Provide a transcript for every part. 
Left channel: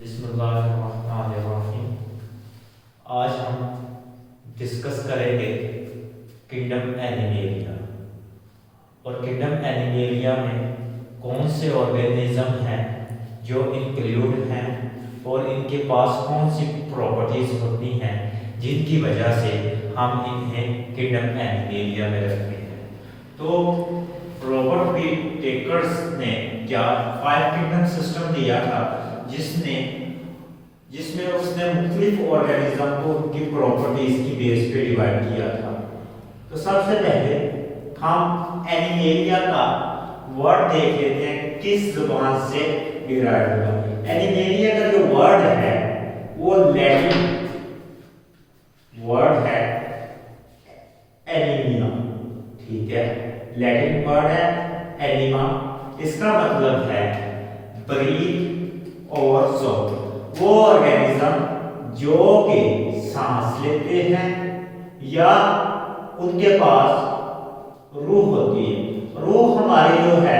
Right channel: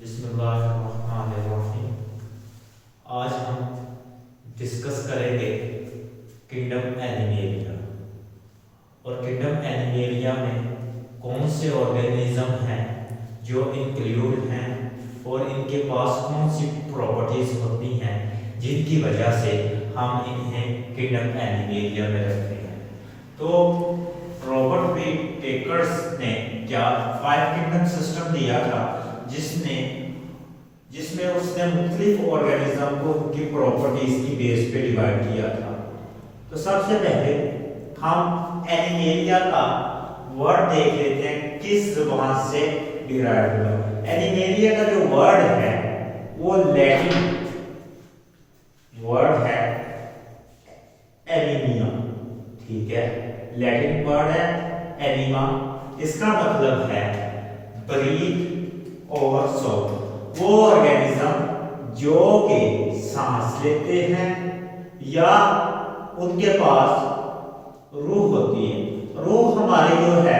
बिस्मिल्लाहिर्रहमानिर्रहीम। आज हम डिस्कस करेंगे किंगडम एनिमेलिया। और किंगडम एनिमेलिया में कौन से ऑर्गेनिज्म हैं जो इंक्लूड हैं और इनके पास कौन सी प्रॉपर्टीज होती हैं जिनकी वजह से हम इन्हें किंगडम एनिमेलिया में रखते हैं। तो रॉबर्ट बी टेकर्स ने क्या 5 किंगडम सिस्टम दिया था जिसमें उसने मुख्तलिफ ऑर्गेनिज्म को उनकी प्रॉपर्टीज की बेस पे डिवाइड किया था। तो सबसे पहले हम एनिमेलिया का वर्ड देख लेते हैं किस जुबान से डिराइव हुआ। एनिमेलिया का जो वर्ड है वो लैटिन वर्ड है एनीमिया, ठीक है। लैटिन वर्ड है एनीमा, इसका मतलब है ब्रीथ और सो। वो ऑर्गेनिज्म जो कि सांस लेते हैं या उनके पास रूह होती है। रूह हमारी जो है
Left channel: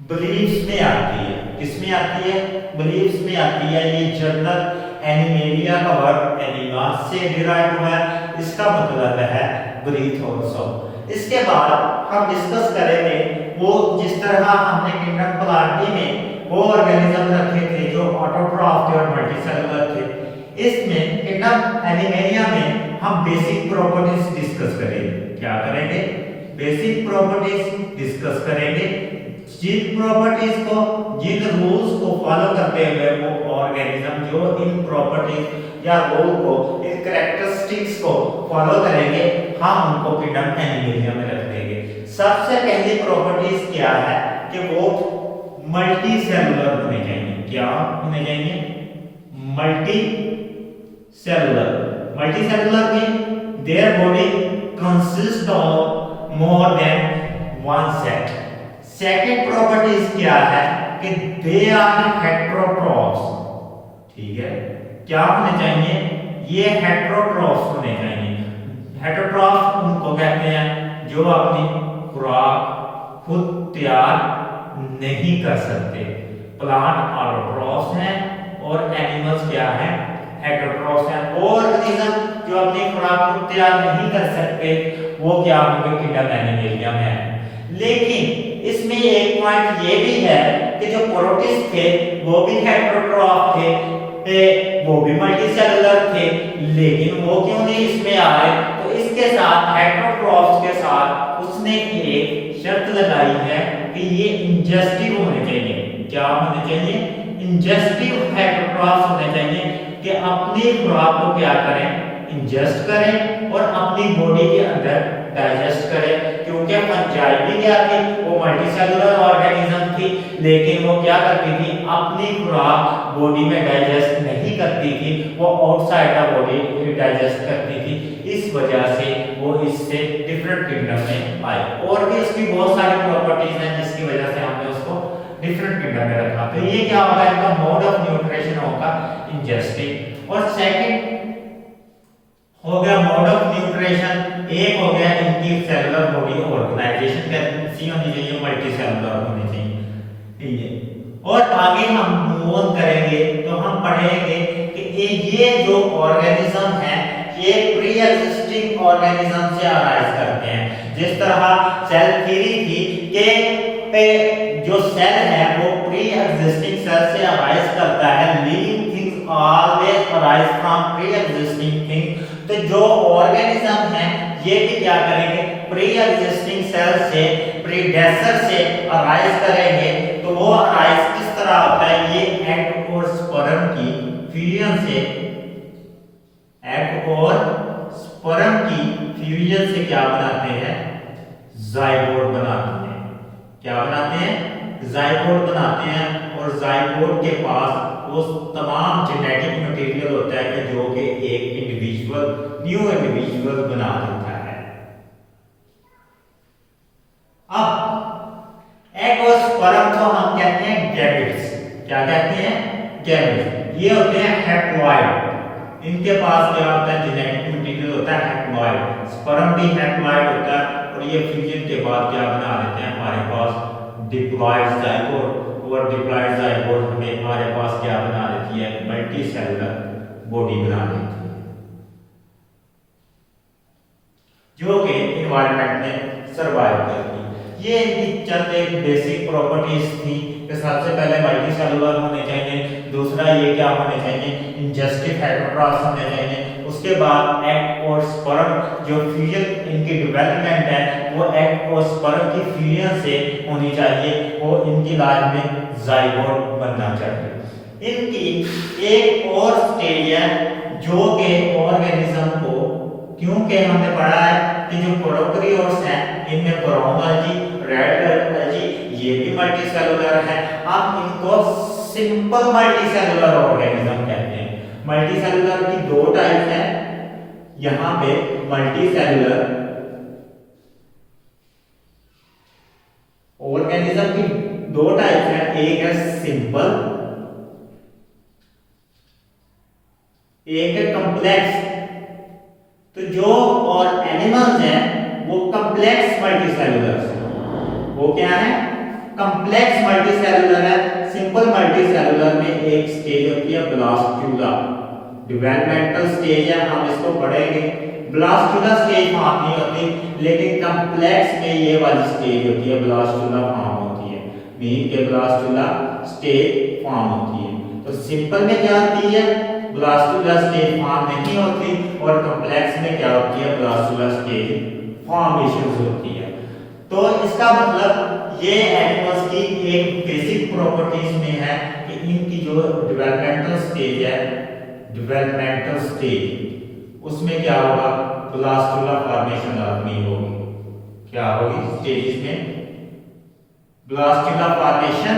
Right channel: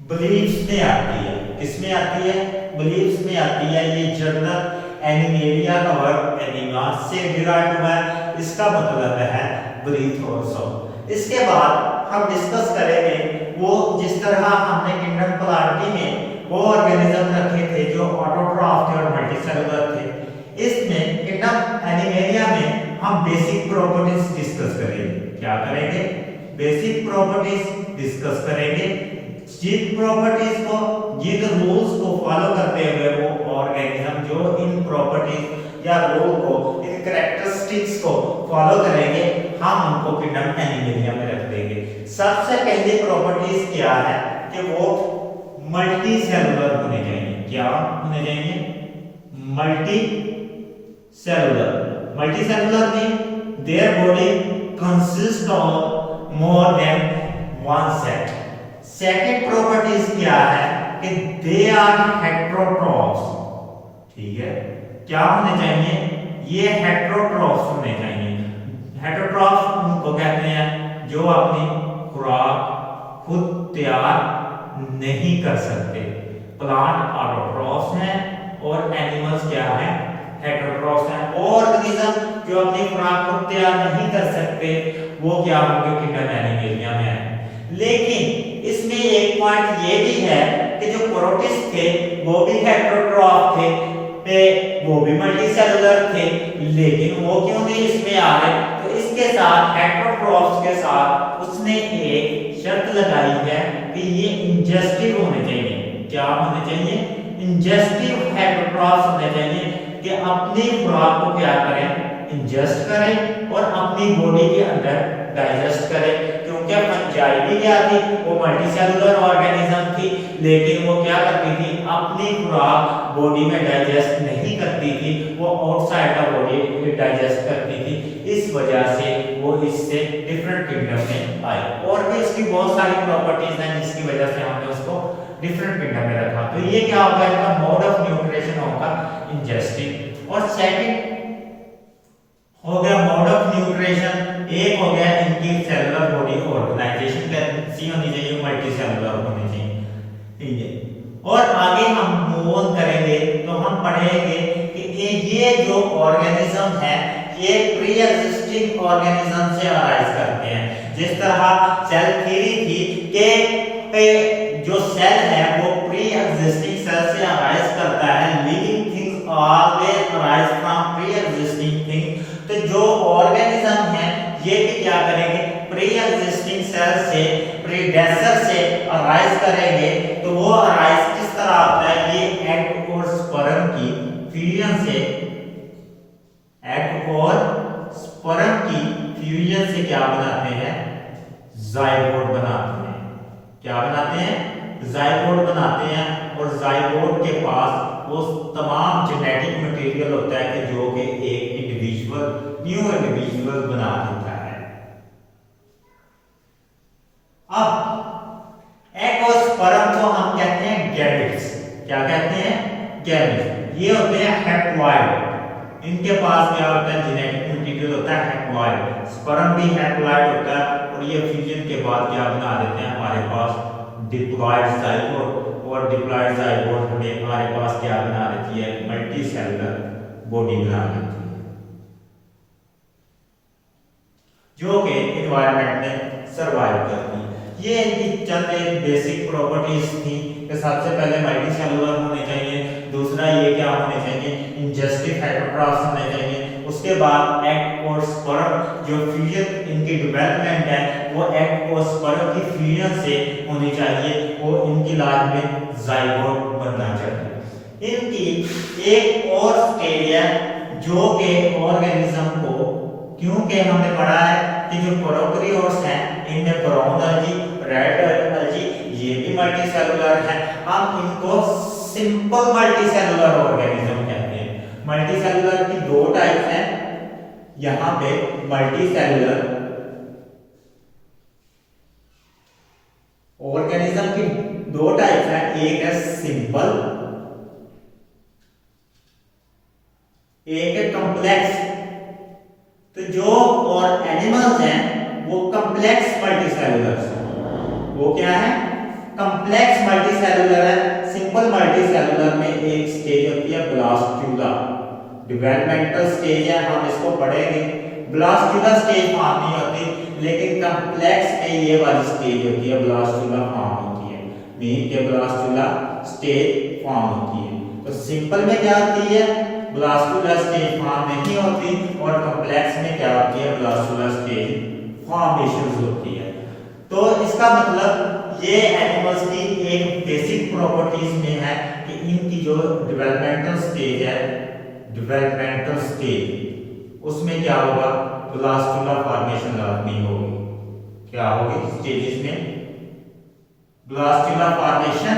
बिलीव्स में आती है। किसमें आती है? बिलीव्स में आती है। ये जर्नल एनिमेलिया का वर्ड एनिमा से डिराइव हुआ है, इसका मतलब है ब्रीथ और सो। इसके बाद हम डिस्कस करेंगे वो जिस तरह हमने किंगडम प्लांटी में वो ऑर्गेनिज्म रखे थे जो ऑटोट्रॉफ थे और मल्टीसेलुलर थे। इसमें किंगडम एनिमेलिया में हम बेसिक प्रॉपर्टीज डिस्कस करेंगे। क्या करेंगे? बेसिक प्रॉपर्टीज डिस्कस करेंगे। जिन प्रॉपर्टीज को, जिन रूल्स को फॉलो करते हुए वो ऑर्गेनिज्म जो इन प्रॉपर्टीज या रूल को, इन कैरेक्टरिस्टिक्स को फॉलो करेंगे, हम उनको किंगडम एनिमेलिया में रख देंगे। सबसे पहली प्रॉपर्टीज क्या है कि वो मल्टी सेलुलर होने चाहिए। क्या होने चाहिए? Multi cellular. मल्टी सेलुलर में their body consist of more than one cell. Second properties क्या है कि दे आर हेटेरोट्रॉफ्स, ठीक है। क्या होने चाहिए? ये हेटेरोट्रॉफ्स होने चाहिए। हेटेरोट्रॉफ्स उनको कहते हैं जो अपनी खुराक खुद तैयार नहीं कर सकते। प्लांट ऑटोट्रॉफ्स हैं और एनिमल्स क्या हैं? हेटेरोट्रॉफ्स हैं। ऑर्गेनिज्म जो अपनी खुराक खुद तैयार नहीं कर सकते वो क्या होंगे? किंगडम एनिमेलिया में है। लेकिन इसमें एक पॉइंट ये भी है कि जो प्रोटिस्ट थे वो भी हेटेरोट्रॉफ थे, वो भी मल्टीसेलुलर थे, लेकिन वो क्यों नहीं इसमें आ रहे? तो इसके साथ हेटेरोट्रॉफ्स के साथ उसने एक शर्त लगाई है कि ये इंजेस्टिव होने चाहिए। क्या होने चाहिए? इंजेस्टिव हेटेरोट्रॉफ्स होने चाहिए कि अपनी खुराक को क्या करें? इंजेस्ट करें और अपनी बॉडी के अंदर डाइजेस्ट करें। क्योंकि फंजाई भी क्या थी? वो मल्टीसेलुलर ऑर्गेनिज्म थी, लेकिन वो क्या करती थी? अपनी खुराक बॉडी में डाइजेस्ट नहीं करती थी, वो आउटसाइड द बॉडी डाइजेस्ट करती थी। इस वजह से वो इससे डिफरेंट किंगडम में आई। और भी इसकी बहुत सारी प्रॉपर्टीज हैं जिसकी वजह से हमने उसको डिफरेंट किंगडम में रखा। तो ये क्या होगा? इनका मोड ऑफ न्यूट्रिशन होगा इंजेस्टिव। और सेकंड हो गया मोड ऑफ न्यूट्रिशन, एक हो गया इनकी सेलुलर बॉडी ऑर्गेनाइजेशन कैसी होनी चाहिए? मल्टी सेलुलर होनी चाहिए। और आगे हम मूव ऑन करेंगे तो हम पढ़ेंगे कि ये जो ऑर्गेनिज्म है ये प्री एग्जिस्टिंग ऑर्गेनिज्म से अराइज करते हैं। जिस तरह सेल थ्योरी थी कि जो सेल है वो प्री एग्जिस्टिंग सेल से अराइज करता है। Living things always arise from pre existing thing. तो जो ऑर्गेनिज्म है ये भी क्या करेंगे? प्री एग्जिस्टिंग सेल से, प्रीडेसेसर से अराइज करेंगे। तो वो अराइज किस तरह होता है? ये एग और स्पर्म की फ्यूजन से, एग और स्पर्म की फ्यूजन से क्या बनाते हैं? जाइगोट बनाते हैं। क्या बनाते हैं? जाइगोट बनाते हैं। और जाइगोट के पास वो तमाम जेनेटिक मटेरियल होता है कि जो कि एक इंडिविजुअल, न्यू इंडिविजुअल बना देता है। अब एग और स्पर्म को हम कहते हैं गैमेट्स। क्या कहते हैं? गैमेट्स। ये होते हैं हैप्लॉइड। इनके पास क्या होता है? जेनेटिक मटेरियल होता है हैप्लॉइड। स्पर्म भी हैप्लॉइड होता है और ये फ्यूजन के बाद क्या बना देते हैं? हमारे पास डिप्लॉइड जाइगोट। और डिप्लॉइड जाइगोट पे हमारे पास क्या बना देती है, मल्टी सेलुलर बॉडी बना देती है, जो कि इन्वायरमेंट में सरवाइव करती है। ये इनकी चंद एक बेसिक प्रॉपर्टीज थी कि सबसे पहले मल्टी सेलुलर होने चाहिए, दूसरा ये क्या होने चाहिए, इंजेस्टिव हेटेरोट्रॉफ्स होने चाहिए, उसके बाद एग और स्पर्म जो फ्यूजन इनकी डेवलपमेंट है वो एग और स्पर्म की फ्यूजन से होनी चाहिए और इनकी लाइफ में जाइगोट बनना चाहिए। इनकी एक और स्टेज है जो कि ऑर्गेनिज्म को, क्योंकि हमने पढ़ा है कि जो प्रोकैरियोट्स हैं इनमें ब्राउन एल्गी, रेड एल्गी ये भी मल्टी सेलुलर है। हम इनको सिंपल मल्टी सेलुलर ऑर्गेनिज्म कहते हैं। मल्टी सेलुलर की दो टाइप हैं, यहां पे मल्टी सेलुलर ऑर्गेनिज्म की दो टाइप है, एक है सिंपल, एक है कॉम्प्लेक्स। तो जो और एनिमल्स हैं वो कॉम्प्लेक्स मल्टी सेलुलर हैं। वो क्या है, कॉम्प्लेक्स मल्टी सेलुलर है। सिंपल मल्टी सेलुलर में एक स्टेज होती है ब्लास्टुला, डेवलपमेंटल स्टेज है, हम इसको पढ़ेंगे। ब्लास्टुला स्टेज फॉर्म नहीं होती, लेकिन कॉम्प्लेक्स में ये वाली स्टेज होती है, ब्लास्टुला फॉर्म होती है, मीन के ब्लास्टुला स्टेज फॉर्म होती है। तो सिंपल में क्या होती है, ब्लास्टुला स्टेज फॉर्म नहीं होती, और कॉम्प्लेक्स में क्या होती है, ब्लास्टुला स्टेज फॉर्मेशन होती है। तो इसका मतलब ये एनिमल्स की एक बेसिक प्रॉपर्टीज में है कि इनकी जो डेवलपमेंटल स्टेज है, डेवलपमेंटल स्टेज उसमें क्या होगा, ब्लास्टुला फॉर्मेशन लाजमी होगी। क्या होगी स्टेजेस में, ब्लास्टुला फॉर्मेशन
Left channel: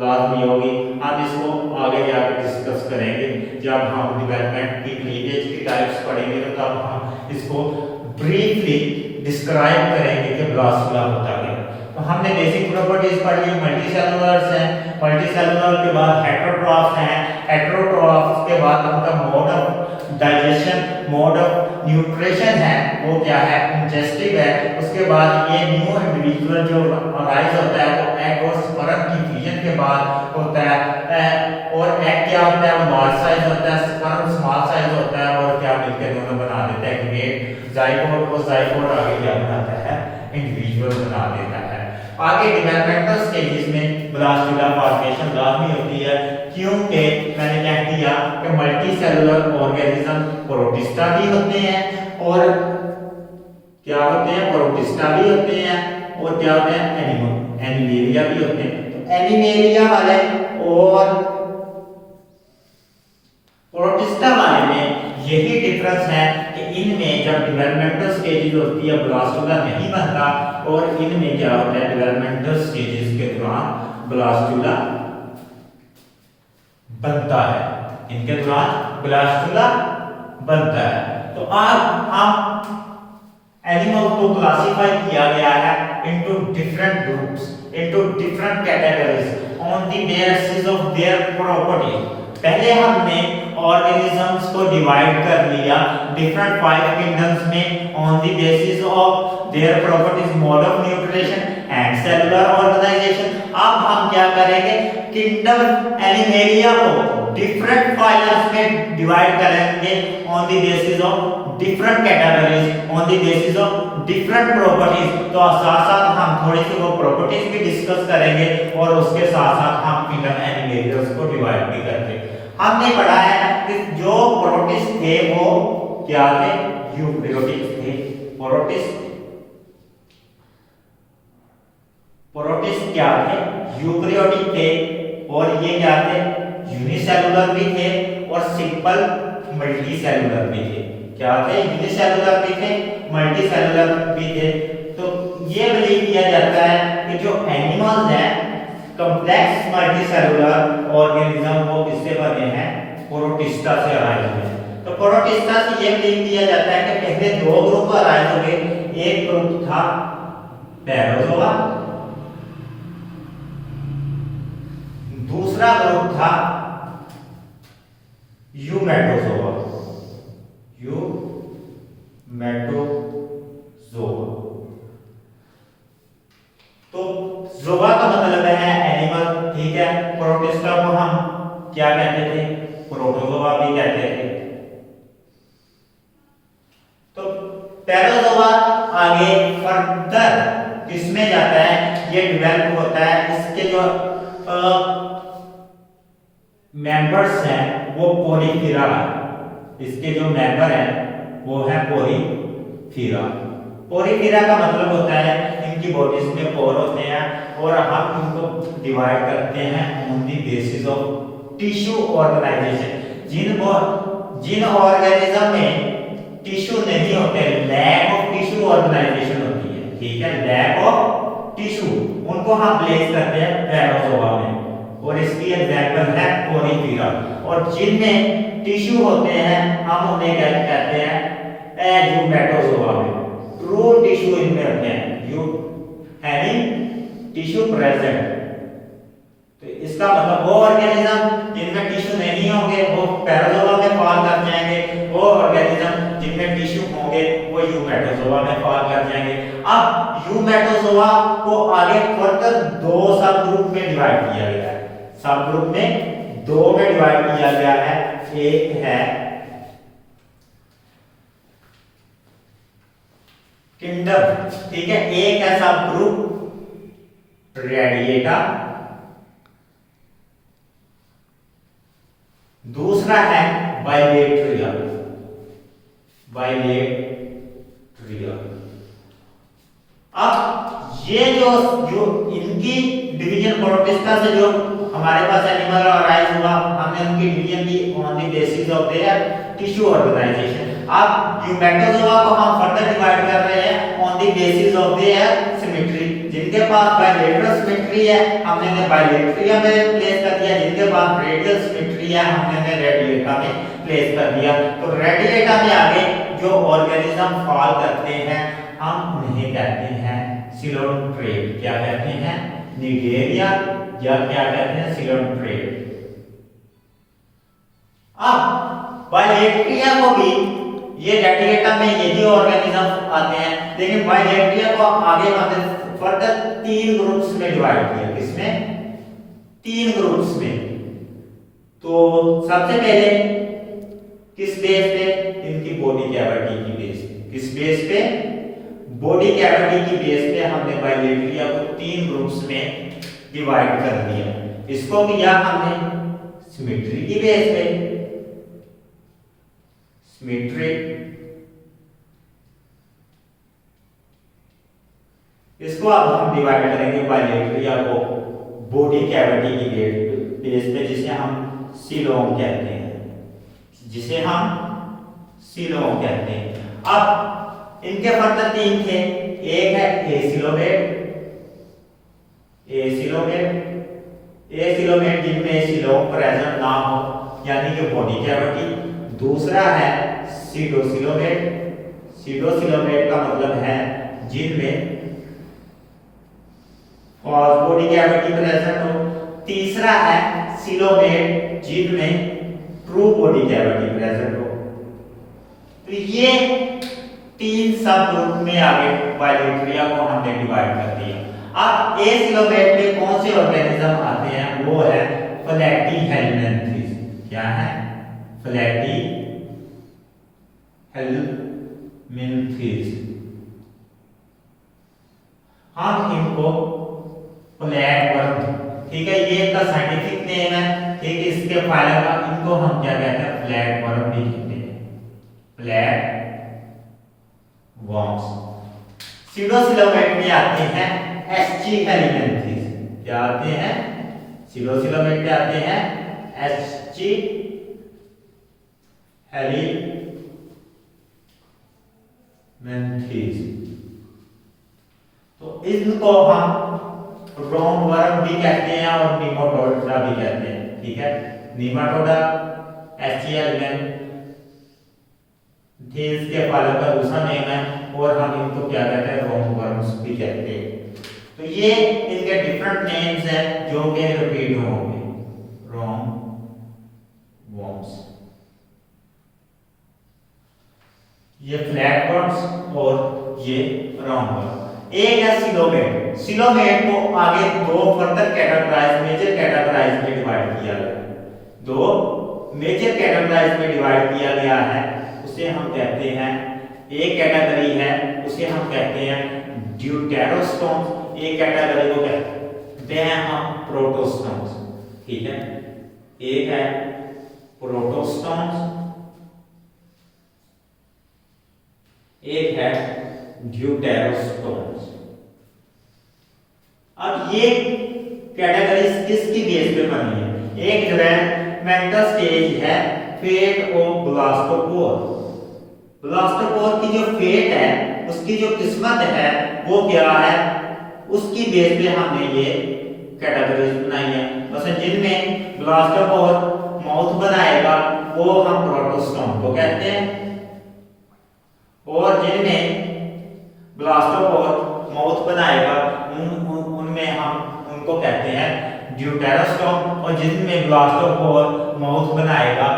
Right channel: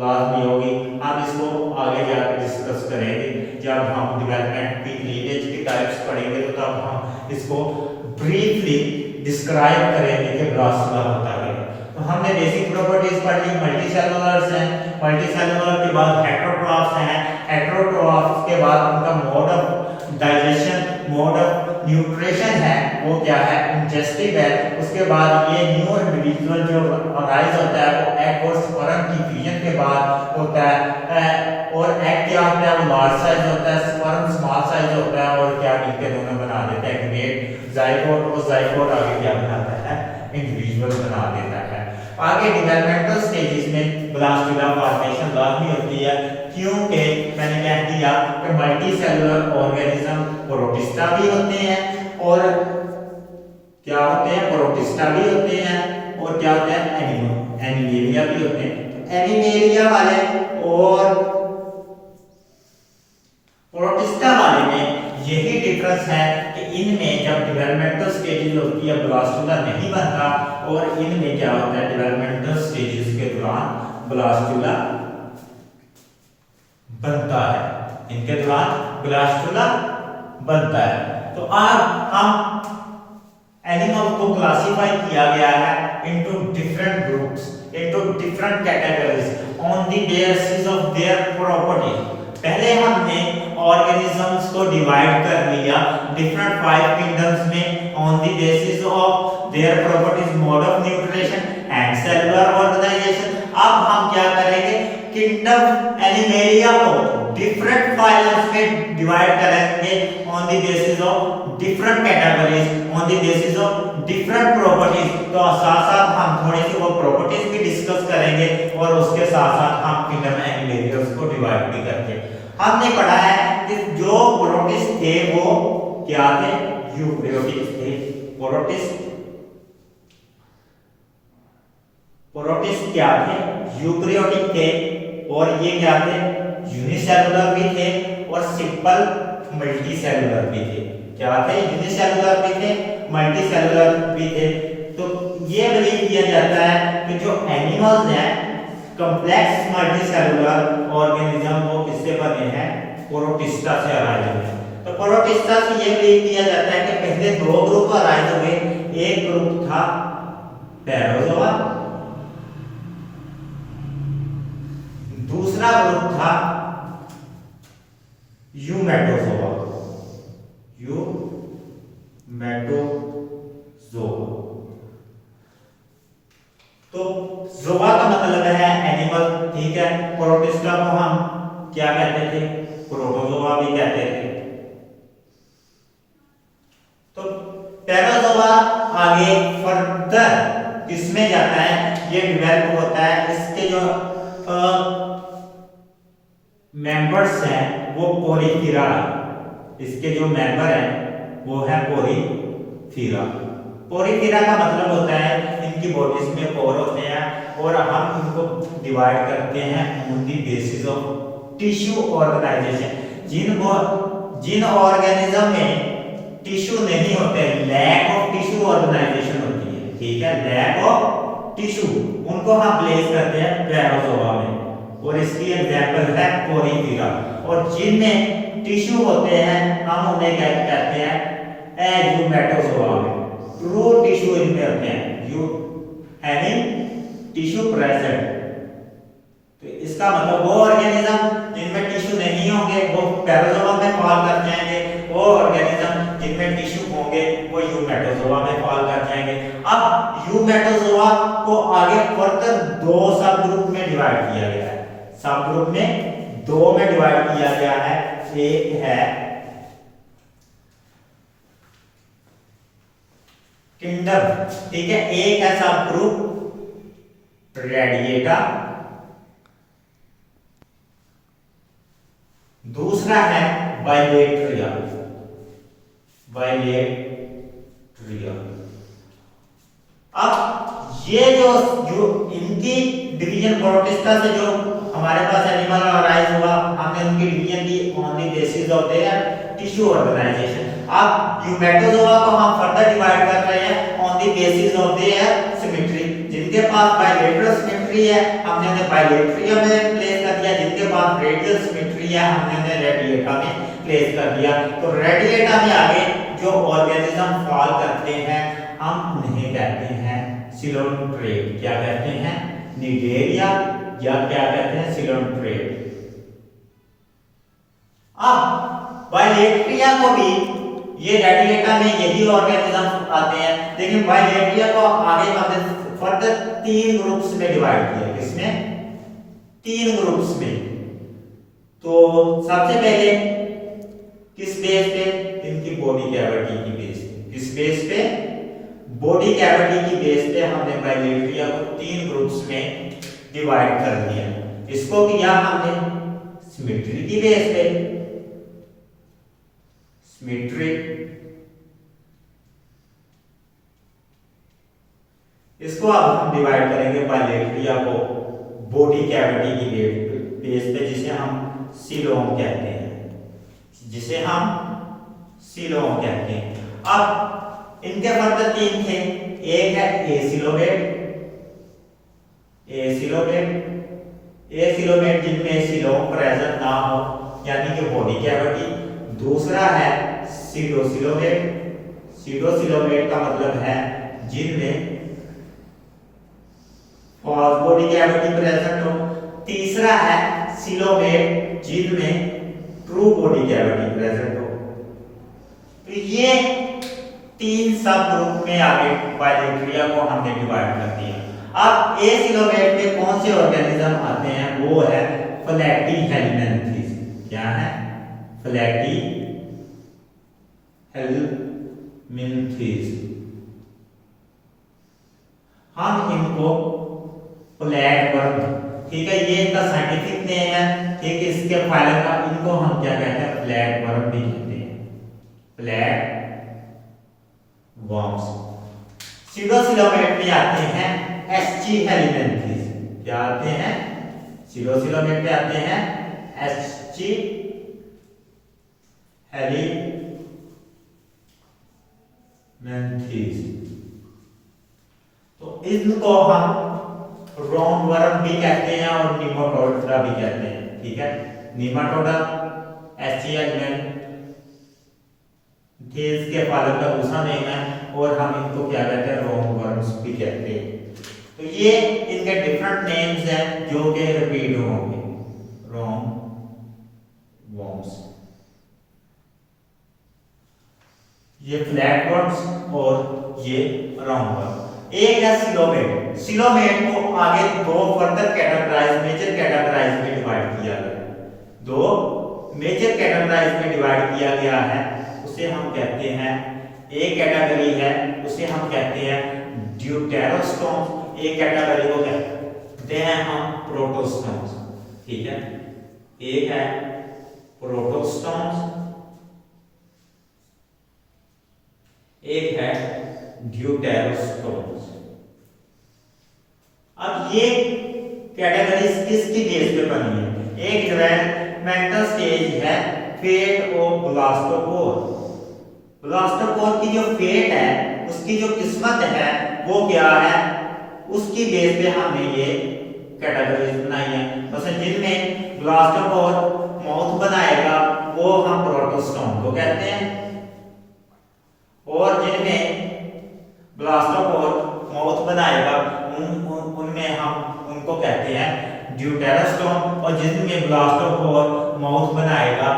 लाजमी होगी। हम इसको आगे जाकर डिस्कस करेंगे जब हम डेवलपमेंट की लीनेज की टाइप्स पढ़ेंगे, तो तब हम इसको ब्रीफली डिस्क्राइब करेंगे कि ब्लास्टुला होता है। तो हमने बेसिक प्रॉपर्टीज पढ़ ली, मल्टी सेलुलर्स हैं, मल्टी सेलुलर के बाद हेटेरोट्रॉफ्स हैं, हेटेरोट्रॉफ्स के बाद उनका mode of digestion, mode of nutrition है वो क्या है, इंजेस्टिव है। उसके बाद ये न्यू इंडिविजुअल जो अराइज होता है वो एग और स्पर्म की फ्यूजन के बाद होता है, और एग क्या होता है वो लार्ज साइज होता है, स्पर्म स्मॉल साइज होता है, और क्या मिलकर दोनों बना देता है ग्रेट जाइगोट। वो जाइगोट आगे क्या बनाता है, इंडिविजुअल बना देता है। आगे डेवलपमेंटल स्टेजेस में ब्लास्टुला फॉर्मेशन लाजमी होती है, क्योंकि मैंने कह दिया कि मल्टी सेलुलर ऑर्गेनिज्म प्रोटिस्टा भी होते हैं, और क्या होते हैं, प्रोटिस्टा भी होते हैं, और क्या होते हैं, एनिमेलिया भी होते हैं। तो एनिमेलिया वाले और प्रोटिस्टा वाले में यही डिफरेंस है कि इनमें जब डेवलपमेंटल स्टेजेस होती है ब्लास्टुला नहीं बनता, और इनमें क्या होता है, डेवलपमेंटल स्टेजेस के दौरान ब्लास्टुला बनता है, इनके दौरान ब्लास्टुला बनता है। तो अब हम एनिमल को क्लासिफाई किया गया है into different groups, into different categories on the basis of their properties. पहले हमने ऑर्गेनिजम्स को डिवाइड कर लिया डिफरेंट 5 किंगडम्स में on the basis of their properties, mode of nutrition and cellular organisation. अब हम क्या करेंगे, किंगडम एनिमेलिया को डिफरेंट फाइलम्स में डिवाइड करेंगे on the basis of different categories, on the basis of different properties. तो साथ साथ हम थोड़ी सी वो प्रॉपर्टीज भी डिस्कस करेंगे, और उसके साथ साथ हम किंगडम एनिमेलियास को डिवाइड भी करेंगे। हमने पढ़ा है कि जो प्रोटिस्ट थे वो क्या थे, यूकेरियोटिक थे। प्रोटिस्ट क्या थे, यूकेरियोटिक थे, और ये क्या थे, यूनिसेलुलर भी थे और सिंपल मल्टी सेलुलर भी थे। क्या थे, यूनिसेलुलर भी थे, मल्टी सेलुलर भी थे। तो ये बिलीव किया जाता है कि जो एनिमल्स हैं कॉम्प्लेक्स मल्टी सेलुलर ऑर्गेनिज्म वो किससे बने हैं, प्रोटिस्टा से अराइज हुए। तो प्रोटिस्टा से ये बिलीव किया जाता है कि पहले 2 ग्रुप अराइज हुए, एक ग्रुप था पैरोजोआ, दूसरा ग्रुप था यूमेटोजोआ। तो जोआ का मतलब है एनिमल, ठीक है, प्रोटिस्टा को हम क्या कहते थे? प्रोटोजोआ भी कहते थे। तो पैराजोआ आगे फर्दर किसमें जाता है? ये डेवलप होता है, इसके जो मेंबर्स हैं वो पोरीफिरा, इसके जो मेंबर हैं वो है पोरीफिरा। पोरीफिरा का मतलब होता है इनकी बॉडीज में पोर होते हैं और हम इनको डिवाइड करते हैं on the basis of tissue organisation. जिन ऑर्गेनिज्म में टिश्यू नहीं होते, लैक ऑफ टिश्यू ऑर्गेनाइजेशन होती है, ठीक है, लैक ऑफ टिश्यू, उनको हम प्लेस करते हैं पैराजोआ में, और इसकी एग्जांपल है पोरीफिरा। और जिनमें टिश्यू होते हैं हम उन्हें क्या कहते हैं? यूमेटोजोआ में। ट्रू टिश्यू इनमें होते हैं, यू हैविंग टिश्यू प्रेजेंट। तो इसका मतलब वो ऑर्गेनिज्म जिनमें टिश्यू नहीं होंगे वो पैराजोआ में फॉल कर जाएंगे, वो ऑर्गेनिज्म जिनमें टिश्यू होंगे वो यूमेटोजोआ में फॉल कर जाएंगे। अब यूमेटोजोआ को आगे फर्दर दो सब ग्रुप में डिवाइड किया गया है। सब ग्रुप में दो में डिवाइड किया गया है। एक है किंगडम, ठीक है, एक है सब ग्रुप रेडिएटा, दूसरा है बाइलेट्रिया। अब ये जो इनकी डिवीजन प्रोटिस्टा से जो हमारे पास एनिमल अराइज हुआ, हमने उनकी डिवीजन की on the basis of their tissue organisation. अब यूमेटोजोआ को हम फर्दर डिवाइड कर रहे हैं on the basis of their symmetry. जिनके पास बाइलेटरल सिमेट्री है हमने उन्हें बाइलेट्रिया में प्लेस कर दिया, जिनके पास रेडियल सिमेट्री है हमने उन्हें रेडिएटा में प्लेस कर दिया। तो रेडिएटा में आगे जो ऑर्गेनिज्म फॉल करते हैं हम उन्हें कहते हैं सिलोन्ट्रेट। क्या कहते हैं? निगेरिया, या क्या कहते हैं? सिलोन्ट्रेट। अब बाइलेट्रिया को भी ये रेडिएटा में यही ऑर्गेनिज्म आते हैं, लेकिन बाइलेट्रिया को आगे हमने फर्दर तीन ग्रुप्स में डिवाइड किया। किसमें? तीन ग्रुप्स में। तो सबसे पहले किस बेस पे? इनकी बॉडी कैविटी की बेस पे। किस बेस पे? बॉडी कैविटी की बेस पे हमने बाइलेट्रिया को तीन ग्रुप्स में डिवाइड कर दिया। इसको किया हमने सिमेट्री की बेस पे, सिमेट्री। इसको अब हम डिवाइड करेंगे बाइलेट्रिया को बॉडी कैविटी की बेस पे, जिसे हम सीलोम कहते हैं, जिसे हम सीलोम कहते हैं। अब इनके फर्दर तीन थे। एक है एसिलोमेट जिनमें सीलोम प्रेजेंट ना हो, यानी कि बॉडी कैविटी। दूसरा है सीडोसिलोमेट का मतलब है जिनमें बॉडी कैविटी प्रेजेंट हो। तीसरा है सिलोमेट जिनमें ट्रू बॉडी कैविटी प्रेजेंट हो। तो ये तीन सब ग्रुप में आगे बाइलेट्रिया को हमने डिवाइड कर दिया। अब एसिलोमेट में कौन से ऑर्गेनिज्म आते हैं? वो है प्लैटीहेलमिन्थेस। क्या है? प्लैटीहेलमिन्थेस। हम इनको फ्लैटवर्म, ठीक है, ये इनका साइंटिफिक नेम है, ठीक है, इसके फाइलम का इनको हम क्या कहते हैं? फ्लैटवर्म भी कहते हैं, फ्लैटवर्म्स। सीडोसिलोमेट में आते हैं एस्चिहेलमिन्थेस। क्या आते हैं? सीडोसिलोमेट में आते हैं एस्चिहेलमिन्थेस। तो इनको हम रोमवर्म भी कहते हैं और निमाटोडा भी कहते हैं, ठीक है। निमाटोडा एस्चिहेलमिन्थेस के पालक का दूसरा नेम है, और हम इनको क्या कहते हैं? रोमवर्म्स भी कहते हैं। तो ये इनके डिफरेंट नेम्स हैं जो कि रिपीट होंगे। रोमवर्म्स, ये फ्लैटवर्म्स और ये राउंडवर्म। एक है सिलोमेट। सिलोमेट को आगे दो फर्दर कैटेगराइज मेजर कैटेगराइज में डिवाइड किया गया, दो मेजर कैटेगराइज में डिवाइड किया गया है। उसे हम कहते हैं, एक कैटेगरी है उसे हम कहते हैं ड्यूटेरोस्टोन्स, एक कैटेगरी को कहते हैं हम प्रोटोस्टोन्स। ठीक है, एक है प्रोटोस्टोन्स, एक है ड्यूटेरोस्टोन्स। अब ये कैटेगरीज किसकी बेस पे बनी है? एक डेवलपमेंटल स्टेज है फेट ऑफ ब्लास्टोपोर। ब्लास्टोपोर की जो फेट है, उसकी जो किस्मत है वो क्या है, उसकी बेस पे हमने ये कैटेगरीज बनाई है। मतलब जिनमें ब्लास्टोपोर माउथ बनाएगा वो हम प्रोटोस्टोन को कहते हैं, और जिनमें ब्लास्टोपोर माउथ बनाएगा उनमें हम उनको कहते हैं ड्यूटेरोस्टोम, और जिनमें ब्लास्टोपोर माउथ बनाएगा,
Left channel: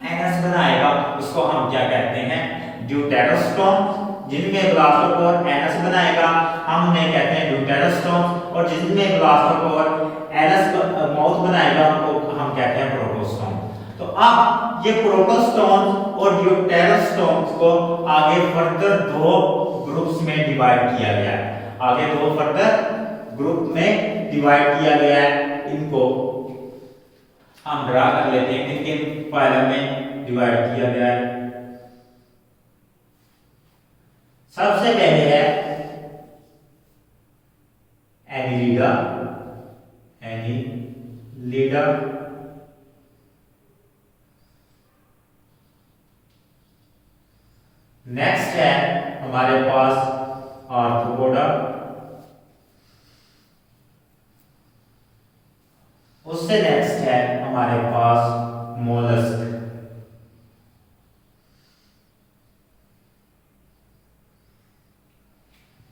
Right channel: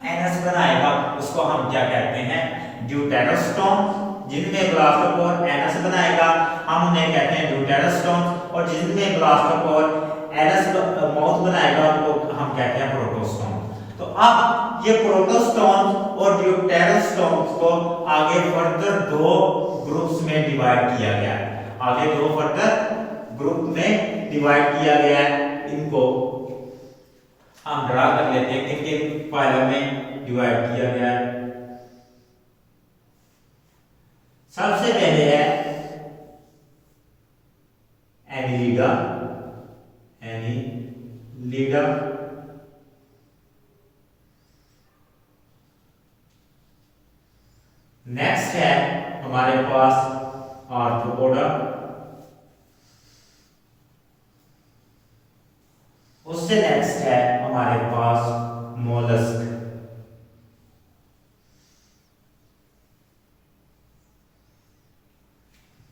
एनस बनाएगा, उसको हम क्या कहते हैं? ड्यूटेरोस्टोम। जिनमें ब्लास्टोपोर एनस बनाएगा हम उन्हें कहते हैं ड्यूटेरोस्टोम, और जिनमें ब्लास्टोपोर एनस माउथ बनाएगा उनको हम कहते हैं प्रोटोस्टोम। तो अब ये प्रोटोस्टोम और ड्यूटेरोस्टोम को आगे फर्दर दो ग्रुप्स में डिवाइड किया गया है, आगे दो फर्दर ग्रुप में डिवाइड किया गया है। इनको हम ड्रा कर लेते हैं किन किन फाइलम में डिवाइड किया गया है। सबसे पहले है एनिलिडा, एनिलिडा, नेक्स्ट है हमारे पास आर्थ्रोपोडा, उससे नेक्स्ट है हमारे पास मोलस्क।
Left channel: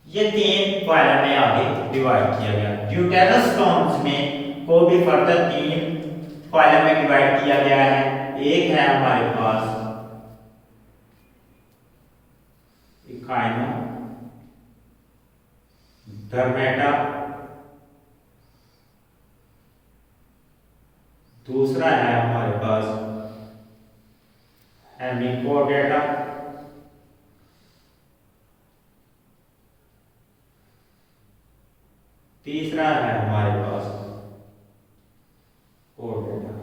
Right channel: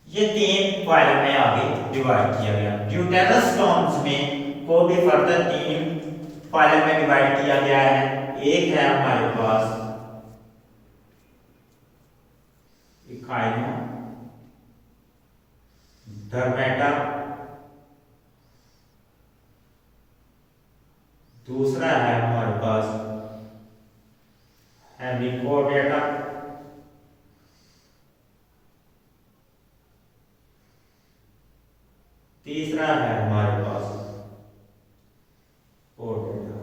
ये तीन फाइलम में आगे डिवाइड किया गया। ड्यूटेरोस्टोम्स में को भी फर्दर तीन फाइलम में डिवाइड किया गया है। एक है हमारे पास इकाइनोडर्मेटा, दूसरा है हमारे पास हेमिकोडेटा, तीसरा है हमारे पास ओडेटा।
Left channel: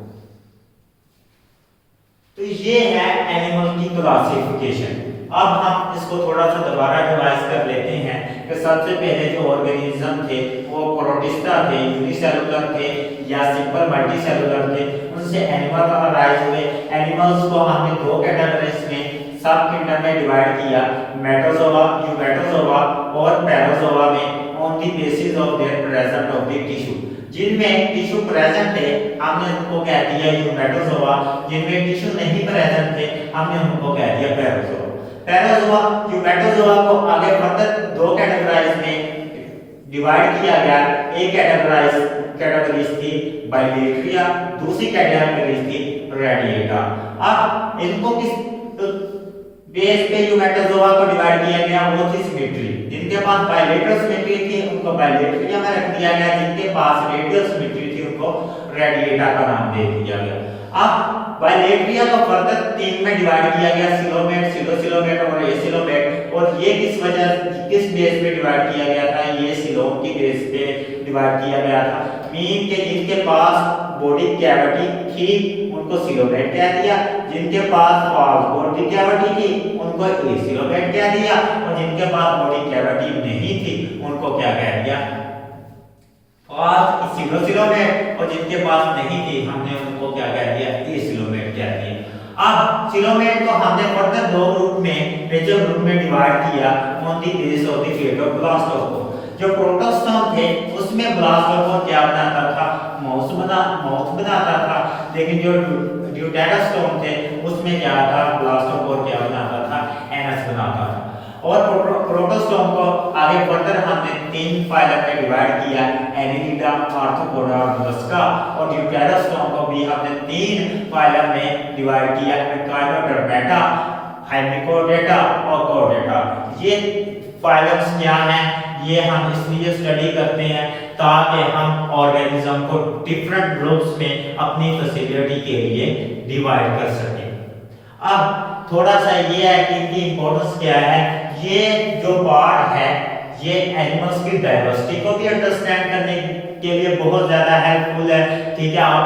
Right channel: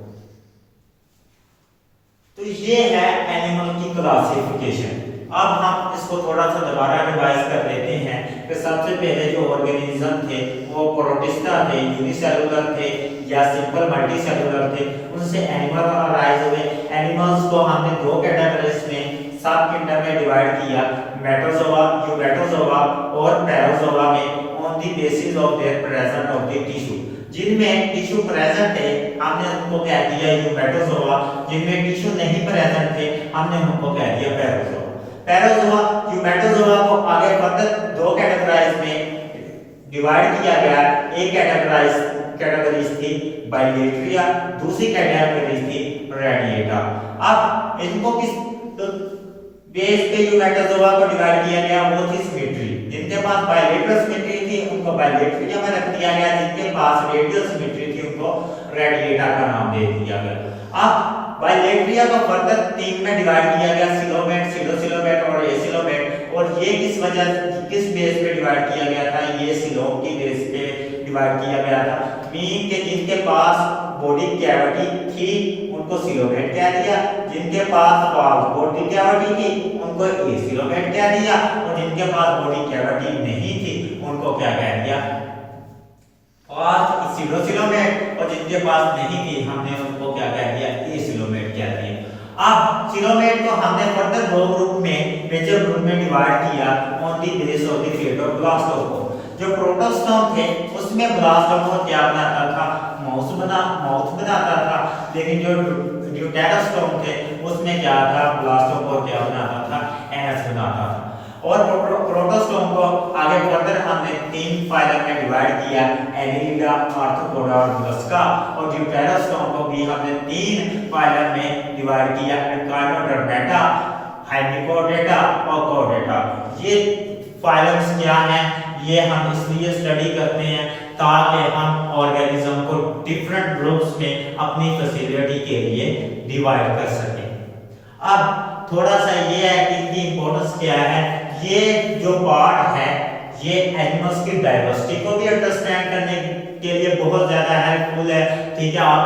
तो ये है एनिमल की क्लासिफिकेशन। अब हम इसको थोड़ा सा दोबारा रिवाइज कर लेते हैं कि सबसे पहले जो ऑर्गेनिज्म थे वो प्रोटिस्टा थे, यूनिसेलुलर थे या सिंपल मल्टीसेलुलर थे, उनसे एनिमल अराइज हुए। एनिमल्स को हमने दो कैटेगरीज में सब किंगडम में डिवाइड किया, मेटोजोआ, यूमेटोजोआ और पैराजोआ में, on the basis of there present of the tissue. जिनमें टिश्यू प्रेजेंट थे हमने उनको कह दिया यूमेटोजोआ, जिनमें टिश्यू नहीं प्रेजेंट थे हमने उनको कह दिया पैराजोआ। पैराजोआ यूमेटोजोआ को आगे फर्दर दो कैटेगराइज में डिवाइड किया गया। एक कैटेगरीज थी बाइलेट्रिया, दूसरी कैटेगरीज थी रेडिएटा। अब इनको किस बेस पे यूमेटोजोआ को डिवाइड किया गया? वो थी सिमेट्री। जिनके पास बाइलेटरल सिमेट्री थी उनको बाइलेट्रिया में रख दिया गया, जिनके पास रेडियल सिमेट्री थी उनको रेडिएटा का नाम दे दिया गया। अब बाइलेट्रिया को फर्दर तीन में डिवाइड किया गया, सिलोमेट, सिलोसिलोमेट और एसिलोमेट। और ये किस बेस पे डिवाइड किया गया था? ये सिलोम की बेस पे डिवाइड किया गया था। मीन के जिनके पास बॉडी कैविटी थी उनको सिलोमेट कह दिया, जिनके पास बॉडी कैविटी थी उनको एसिलोमेट कह दिया, और जिनके पास बॉडी कैविटी नहीं थी उनको क्या कह दिया? और सिलोसिलोमेट। और जिनके पास नहीं थी हमने उनको क्या कह दिया? एसिलोमेट कह दिया। अब सिलोमेट को हमने फर्दर दो ग्रुप में, मेजर ग्रुप में डिवाइड किया on the base of the fate of blastopore. जो प्रोटोस्टोम थे उसमें ब्लास्टोपोर क्या बनाता था? माउथ बनाता था। लेकिन जो ड्यूटेरोस्टोम थे उसमें क्या था? ब्लास्टोपोर क्या बनाता था? एनस बनाता था। और प्रोटोस्टोम को आगे फर्दर हमने तीन फाइलम में डिवाइड किया, एनिलिडा, आर्थ्रोपोडा और मोलस्का। और ड्यूटेरोस्टोम को भी हमने तीन फाइलम में डिवाइड किया, इकाइनोडर्मेटा, हेमिकोडेटा और कोडेटा। ये फाइलम्स क्या हैं? ये हम इसलिए स्टडी करते हैं ताकि हम ऑर्गेनिज्म को डिफरेंट ग्रुप्स में अपनी फैसिलिटी के लिए डिवाइड कर सकें। अब थोड़ा सा ये है कि इनकी इंपॉर्टेंस क्या है। ये जो पार्ट है ये एनिमल्स की डाइवर्सिटी को भी अंडरस्टैंड करने के लिए बहुत ज्यादा हेल्पफुल है। ठीक है, आप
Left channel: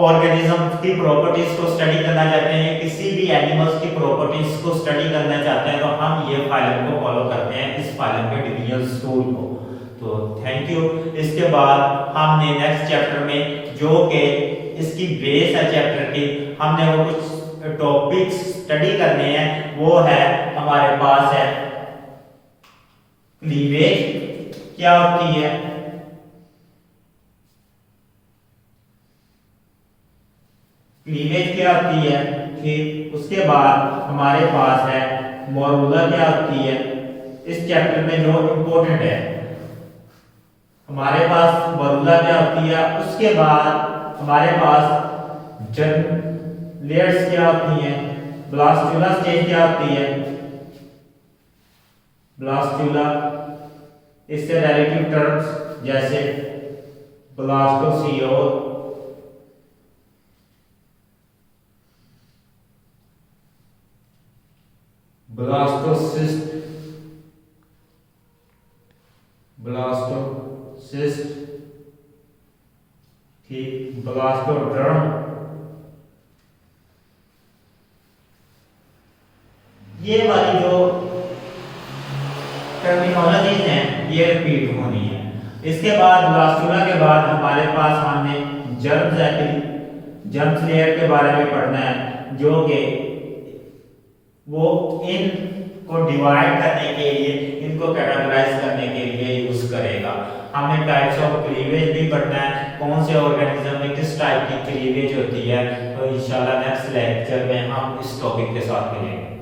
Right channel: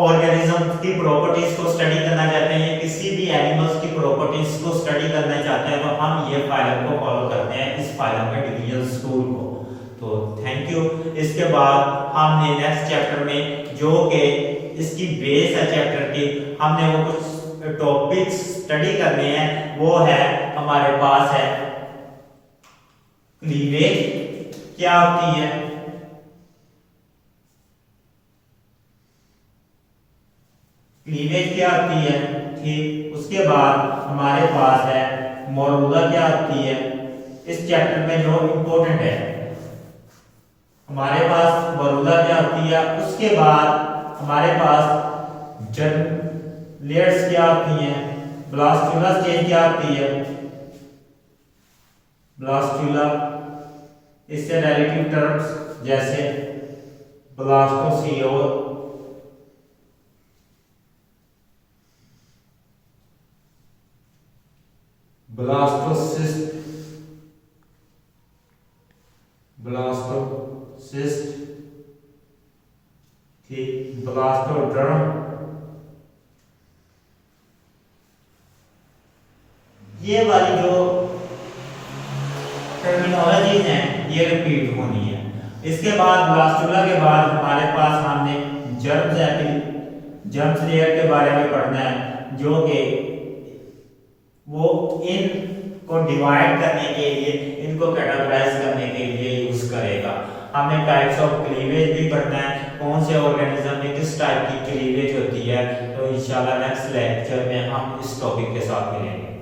ऑर्गेनिज्म की प्रॉपर्टीज को स्टडी करना चाहते हैं, किसी भी एनिमल्स की प्रॉपर्टीज को स्टडी करना चाहते हैं, तो हम ये फाइलम को फॉलो करते हैं, इस फाइलम के डिविजन टूल को। तो थैंक यू। इसके बाद हमने नेक्स्ट चैप्टर में, जो कि इसकी बेस है चैप्टर की, हमने वो कुछ टॉपिक्स स्टडी करने हैं। वो है हमारे पास है क्लीवेज क्या होती है, क्लीवेज क्या होती है, ठीक। उसके बाद हमारे पास है मोरुला क्या होती है। इस चैप्टर में जो इम्पोर्टेंट है हमारे पास मोरुला क्या होती है। उसके बाद हमारे पास लेयर्स क्या होती हैं, ब्लास्टुला स्टेज क्या होती है, ब्लास्टुला, इससे रिलेटिव टर्म्स जैसे ब्लास्टोसियोल, ब्लास्टोसिस्ट, ब्लास्टोसिस्ट, ठीक, ब्लास्टोड्रम। ये वाली जो टर्मिनोलॉजीज हैं ये रिपीट होनी है। इसके बाद ब्लास्टुला के बाद हमारे पास हमने जर्म्स लेयर के बारे में पढ़ना है, जो कि वो इन को डिवाइड करने के लिए, इनको कैटेगराइज करने के लिए यूज करेगा। हमें टाइप्स ऑफ क्लीवेज भी पढ़ना है, कौन से ऑर्गेनिज्म में किस टाइप की क्लीवेज होती है। तो इंशाल्लाह नेक्स्ट लेक्चर में हम इस टॉपिक के साथ मिलेंगे।